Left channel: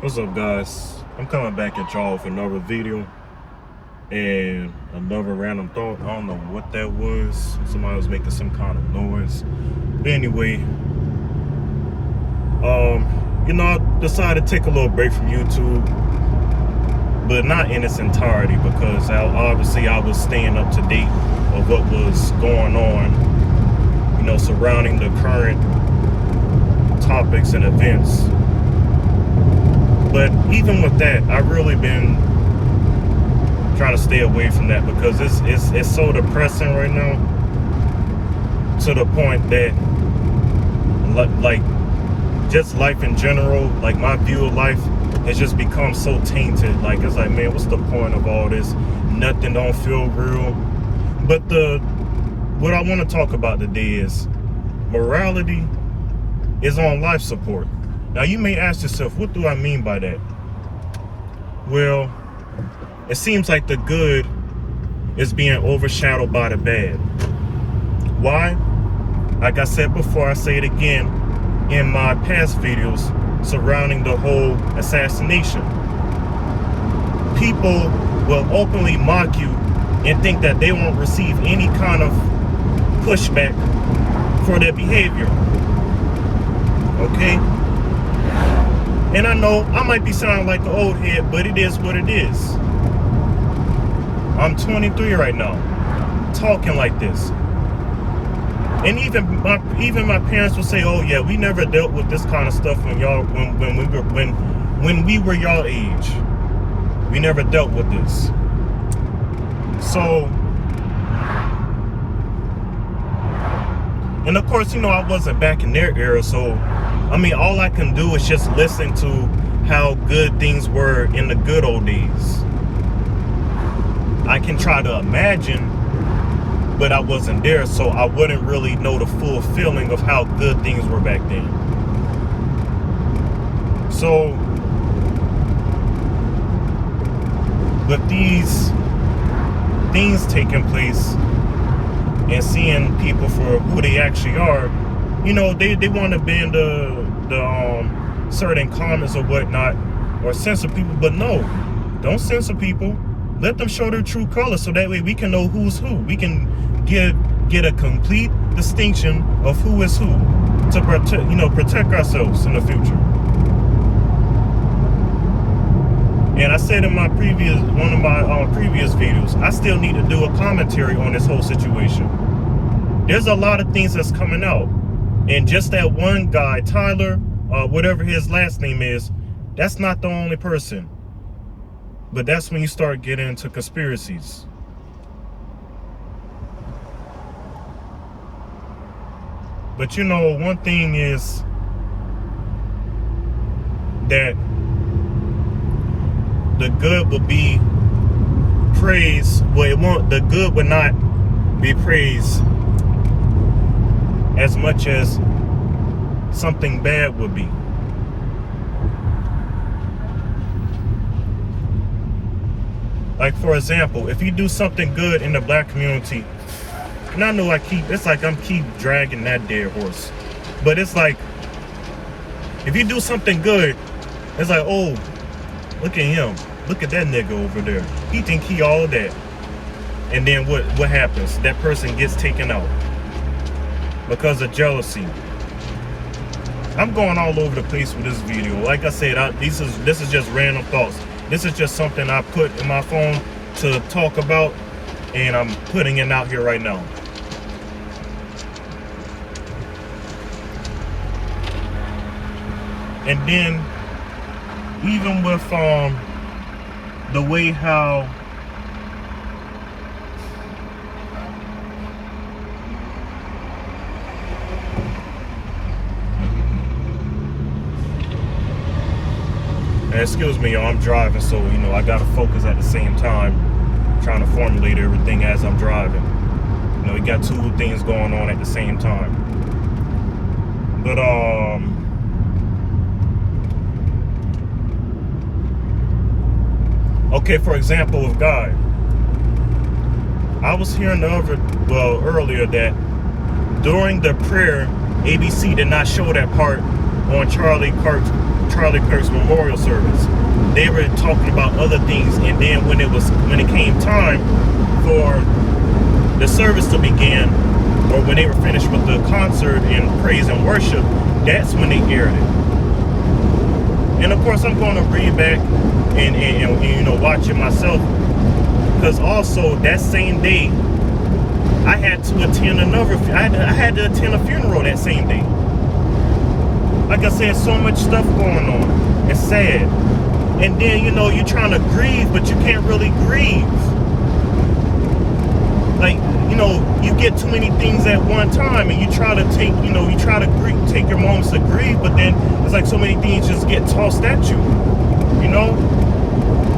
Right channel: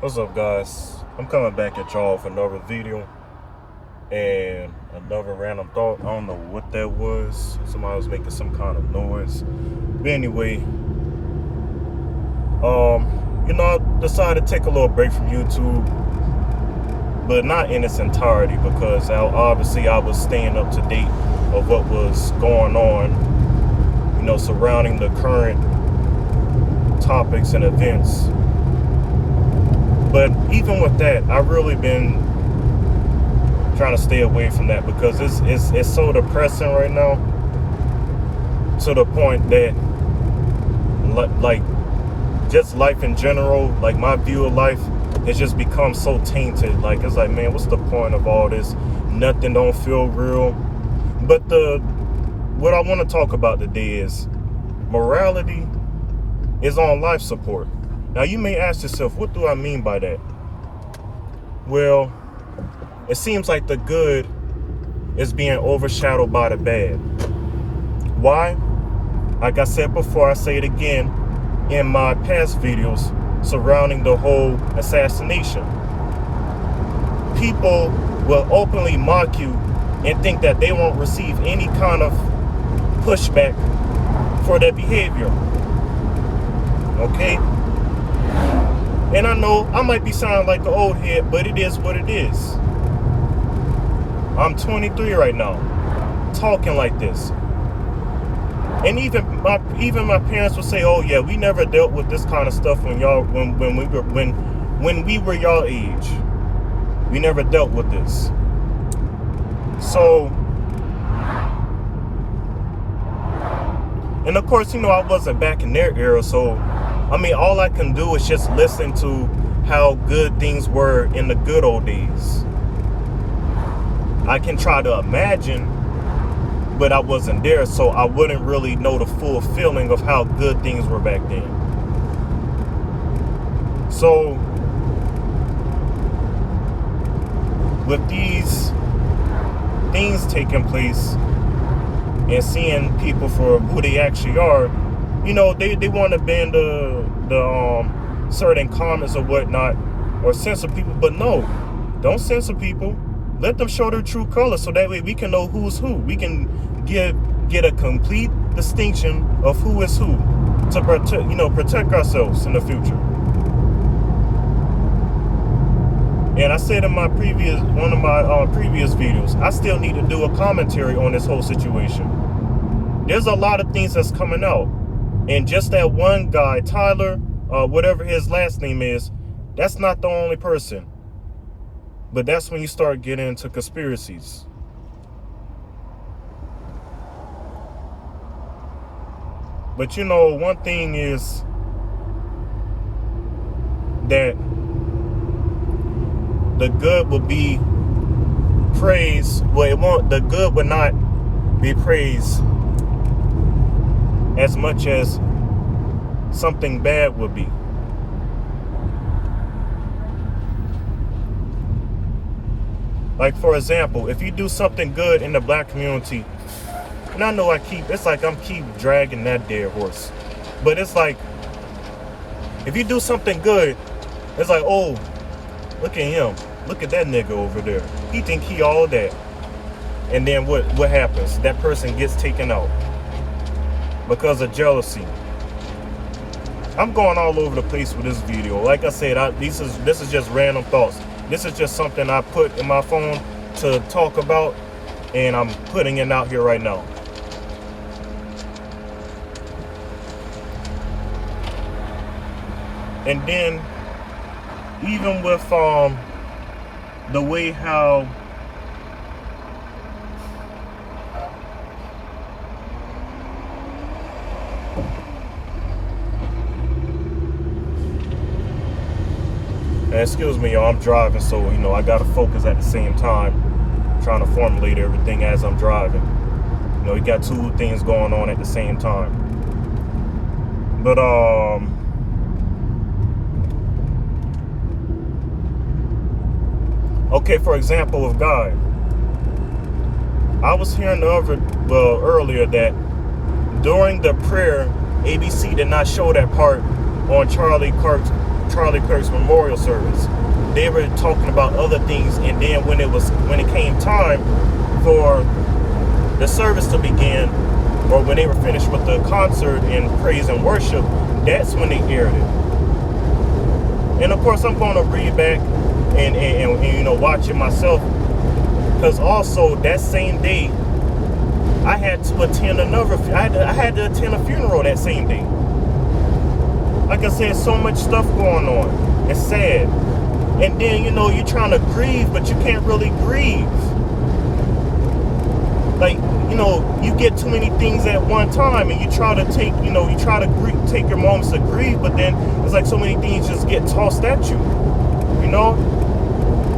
What's up, guys? I'm coming back at y'all for another video and another random thought. I don't know what that was. Somebody was making some kind of noise. But anyway, I decided to take a little break from YouTube, but not in its entirety, because obviously I was staying up to date of what was going on, surrounding the current topics and events. But even with that, I've really been trying to stay away from that, because it's so depressing right now, to the point that, like, just life in general, like my view of life has just become so tainted. Like, it's like, man, what's the point of all this? Nothing don't feel real. But what I want to talk about today is morality is on life support. Now, you may ask yourself, what do I mean by that? Well, it seems like the good is being overshadowed by the bad. Why? Like I said before, I say it again in my past videos surrounding the whole assassination. People will openly mock you and think that they won't receive any kind of pushback for their behavior. Okay? And I know I might be sounding like an old head, but it is what it is. I'm 23 right now, talking like this. And even my parents will say, "Oh yeah, we never dealt with this kind of stuff when we were y'all age. We never dealt with this." So, and of course, I wasn't back in their era, so I mean, all I can do is just listen to how good things were in the good old days. I can try to imagine, but I wasn't there, so I wouldn't really know the full feeling of how good things were back then. So, with these things taking place and seeing people for who they actually are, they want to ban the certain comments or whatnot, or censor people. But no, don't censor people. Let them show their true colors, so that way we can know who's who. We can get a complete distinction of who is who, to protect ourselves in the future. And I said in one of my previous videos, I still need to do a commentary on this whole situation. There's a lot of things that's coming out. And just that one guy, Tyler, whatever his last name is, that's not the only person. But that's when you start getting into conspiracies. But one thing is that the good will be praised. Well, the good will not be praised as much as something bad would be. Like, for example, if you do something good in the black community, and I know it's like I'm keep dragging that dead horse, but it's like, if you do something good, it's like, oh, look at him, look at that nigga over there, he think he all that. And then what happens? That person gets taken out because of jealousy. I'm going all over the place with this video. Like I said, this is just random thoughts. This is just something I put in my phone to talk about, and I'm putting it out here right now. And then, even with the way how excuse me, y'all, I'm driving, so I gotta focus at the same time, trying to formulate everything as I'm driving. We got two things going on at the same time. But okay, for example, with God, I was hearing earlier that during the prayer, ABC did not show that part on Charlie Kirk's Charlie Kirk's memorial service. They were talking about other things, and then when it came time for the service to begin, or when they were finished with the concert and praise and worship, that's when they aired it. And of course, I'm going to read back and you know, watch it myself, because also that same day I had to attend I had to attend a funeral that same day. Like I said, so much stuff going on. It's sad. And then, you know, you're trying to grieve, but you can't really grieve. Like, you know, you get too many things at one time, and you try to take, you know, take your moments to grieve, but then it's like so many things just get tossed at you. You know?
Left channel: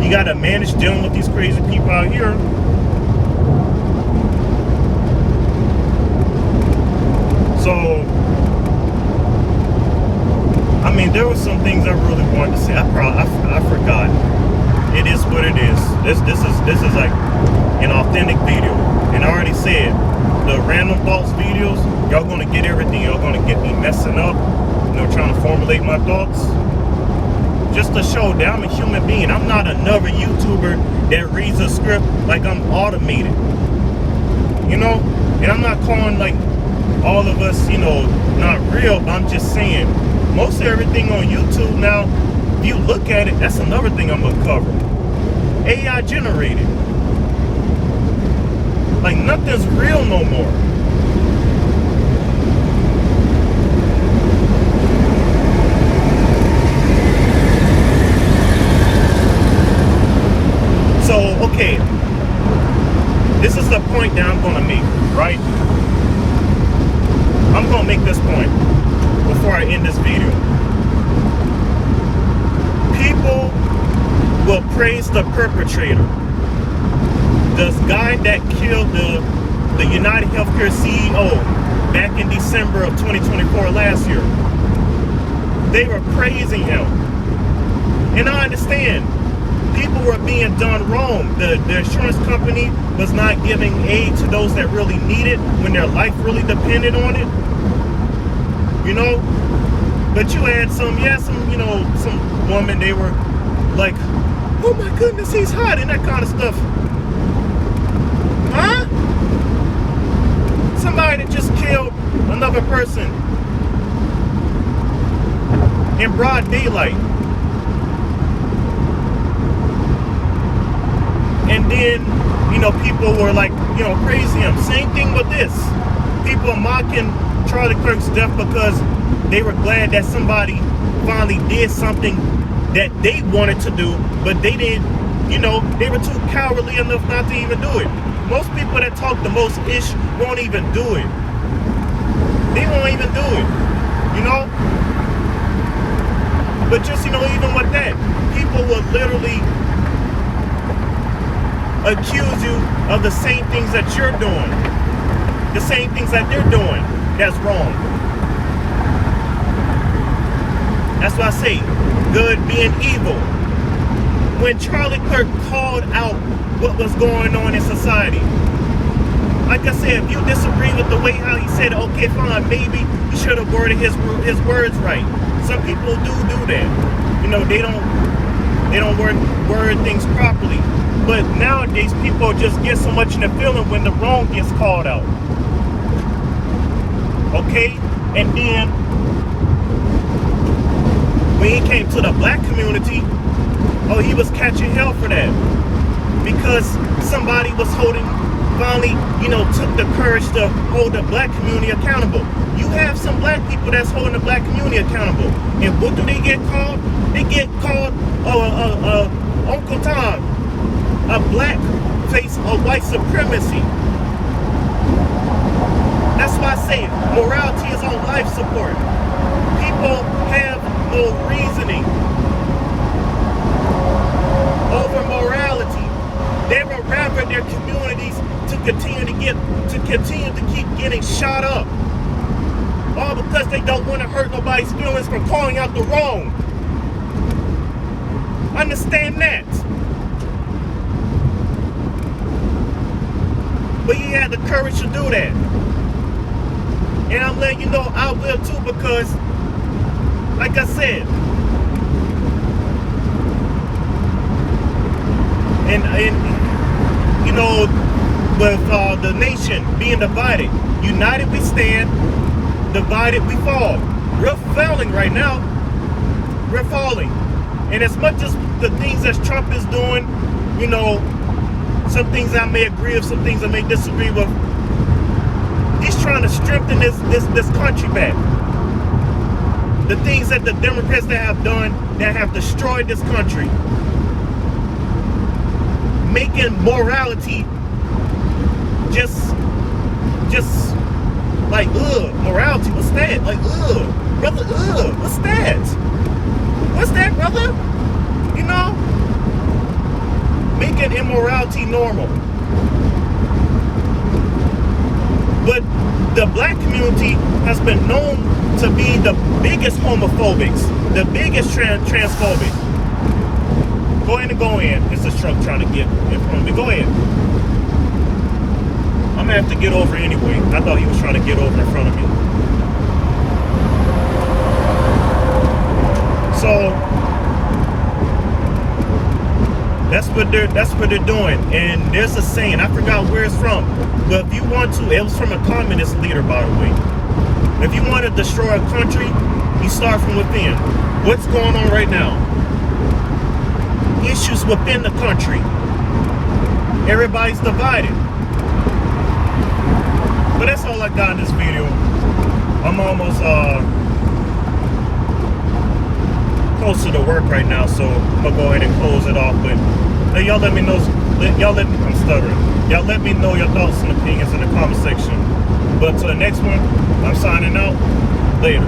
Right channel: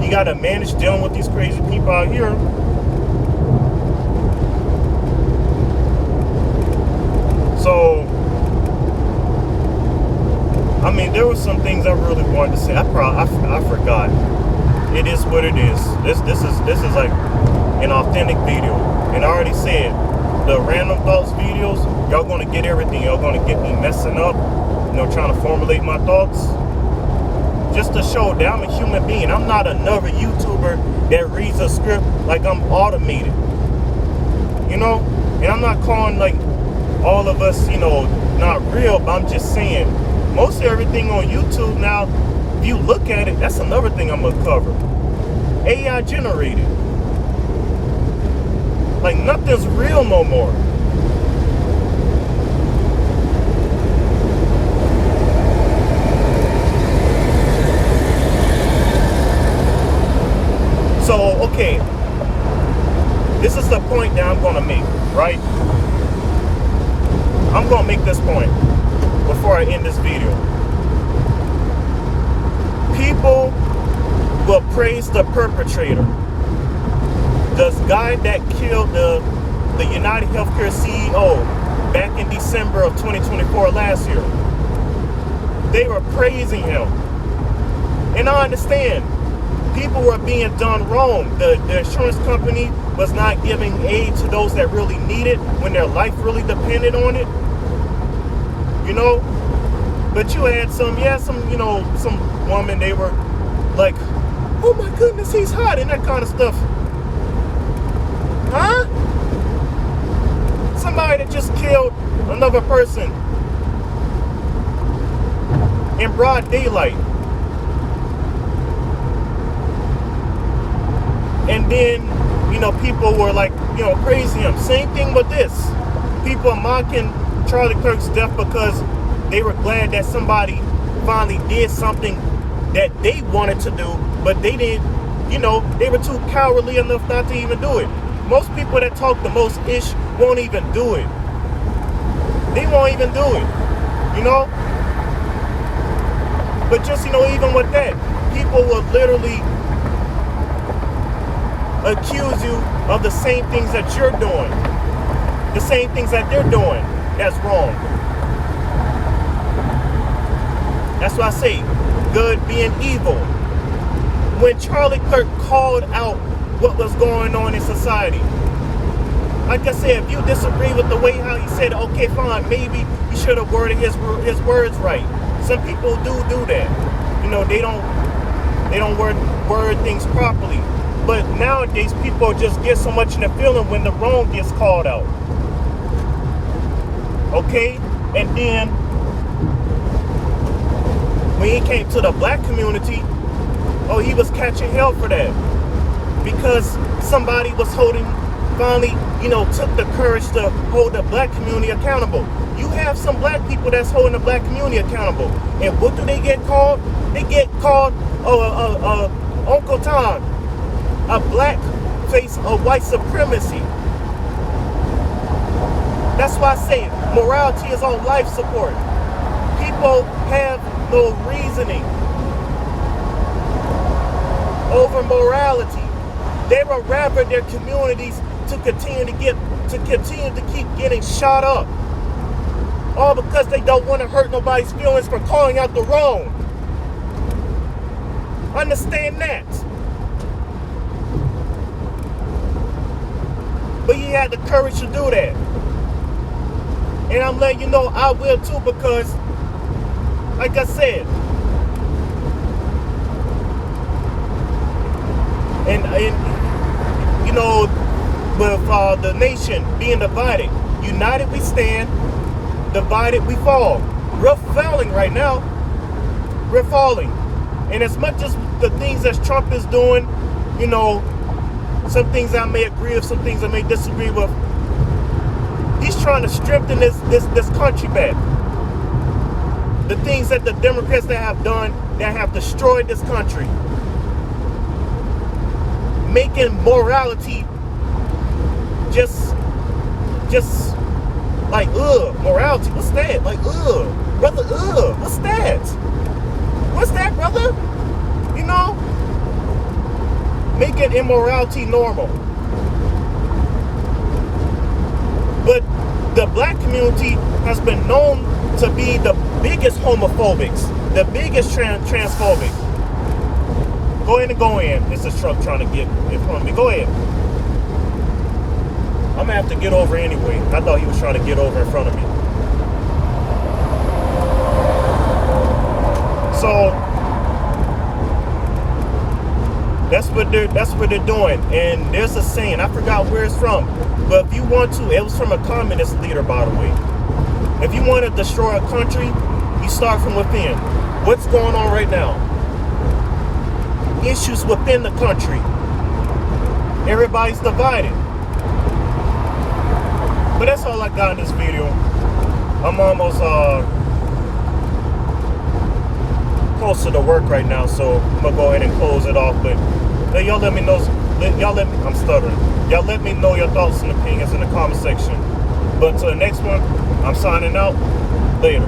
You got to manage dealing with these crazy people out here. So, I mean, there were some things I really wanted to say. I forgot. It is what it is. This is like an authentic video. And I already said, the random thoughts videos, y'all gonna get everything. Y'all gonna get me messing up, you know, trying to formulate my thoughts. Just to show that I'm a human being. I'm not another YouTuber that reads a script like I'm automated. You know? And I'm not calling like all of us, you know, not real, but I'm just saying, most of everything on YouTube now, if you look at it, that's another thing I'm gonna cover. AI generated. Like, nothing's real no more. So, okay, this is the point that I'm gonna make, right? I'm gonna make this point before I end this video. People will praise the perpetrator. The guy that killed the United Healthcare CEO back in December of 2024 last year. They were praising him. And I understand, people were being done wrong. The insurance company was not giving aid to those that really need it when their life really depended on it. You know? But you had some woman, they were like, oh my goodness, he's hot, and that kind of stuff. Huh? Somebody that just killed another person in broad daylight. And then, you know, people were like, you know, praising him. Same thing with this. People are mocking Charlie Kirk's death because they were glad that somebody finally did something that they wanted to do, but they didn't, you know, they were too cowardly enough not to even do it. Most people that talk the most ish won't even do it. They won't even do it, you know? But just, you know, even with that, people will literally accuse you of the same things that you're doing. The same things that they're doing. That's wrong. That's why I say, good being evil. When Charlie Kirk called out what was going on in society, like I said, if you disagree with the way how he said it, okay, fine, maybe he should have worded his words right. Some people do that. You know, they don't word things properly. But nowadays, people just get so much in the feeling when the wrong gets called out. Okay? And then, when he came to the black community, oh, he was catching hell for that. Because somebody was finally, you know, took the courage to hold the black community accountable. You have some black people that's holding the black community accountable. And what do they get called? They get called Uncle Todd, a black face of white supremacy. That's why I say morality is on life support. People have no reasoning over morality. They would rather their communities to continue to keep getting shot up. All because they don't want to hurt nobody's feelings for calling out the wrong. Understand that. But he had the courage to do that. And I'm letting you know I will too, because like I said, and you know, with the nation being divided, united we stand, divided we fall. We're falling right now. We're falling. And as much as the things that Trump is doing, you know, some things I may agree with, some things I may disagree with, he's trying to strengthen this country back. The things that the Democrats that have done, that have destroyed this country, making morality just like, morality, what's that? Like, brother, what's that? What's that, brother? You know, making immorality normal. But the black community has been known to be the biggest homophobics, the biggest transphobic. Go ahead and go in. It's this truck trying to get in front of me. Go ahead. I'm gonna have to get over anyway. I thought he was trying to get over in front of me. So that's what they're doing. And there's a saying, I forgot where it's from, but if you want to, it was from a communist leader, by the way. If you want to destroy a country, you start from within. What's going on right now? Issues within the country. Everybody's divided. But that's all I got in this video. I'm almost closer to work right now, so I'm gonna go ahead and close it off. But y'all let me know. I'm stuttering. Y'all let me know your thoughts and opinions in the comment section. But to the next one, I'm signing out. Later.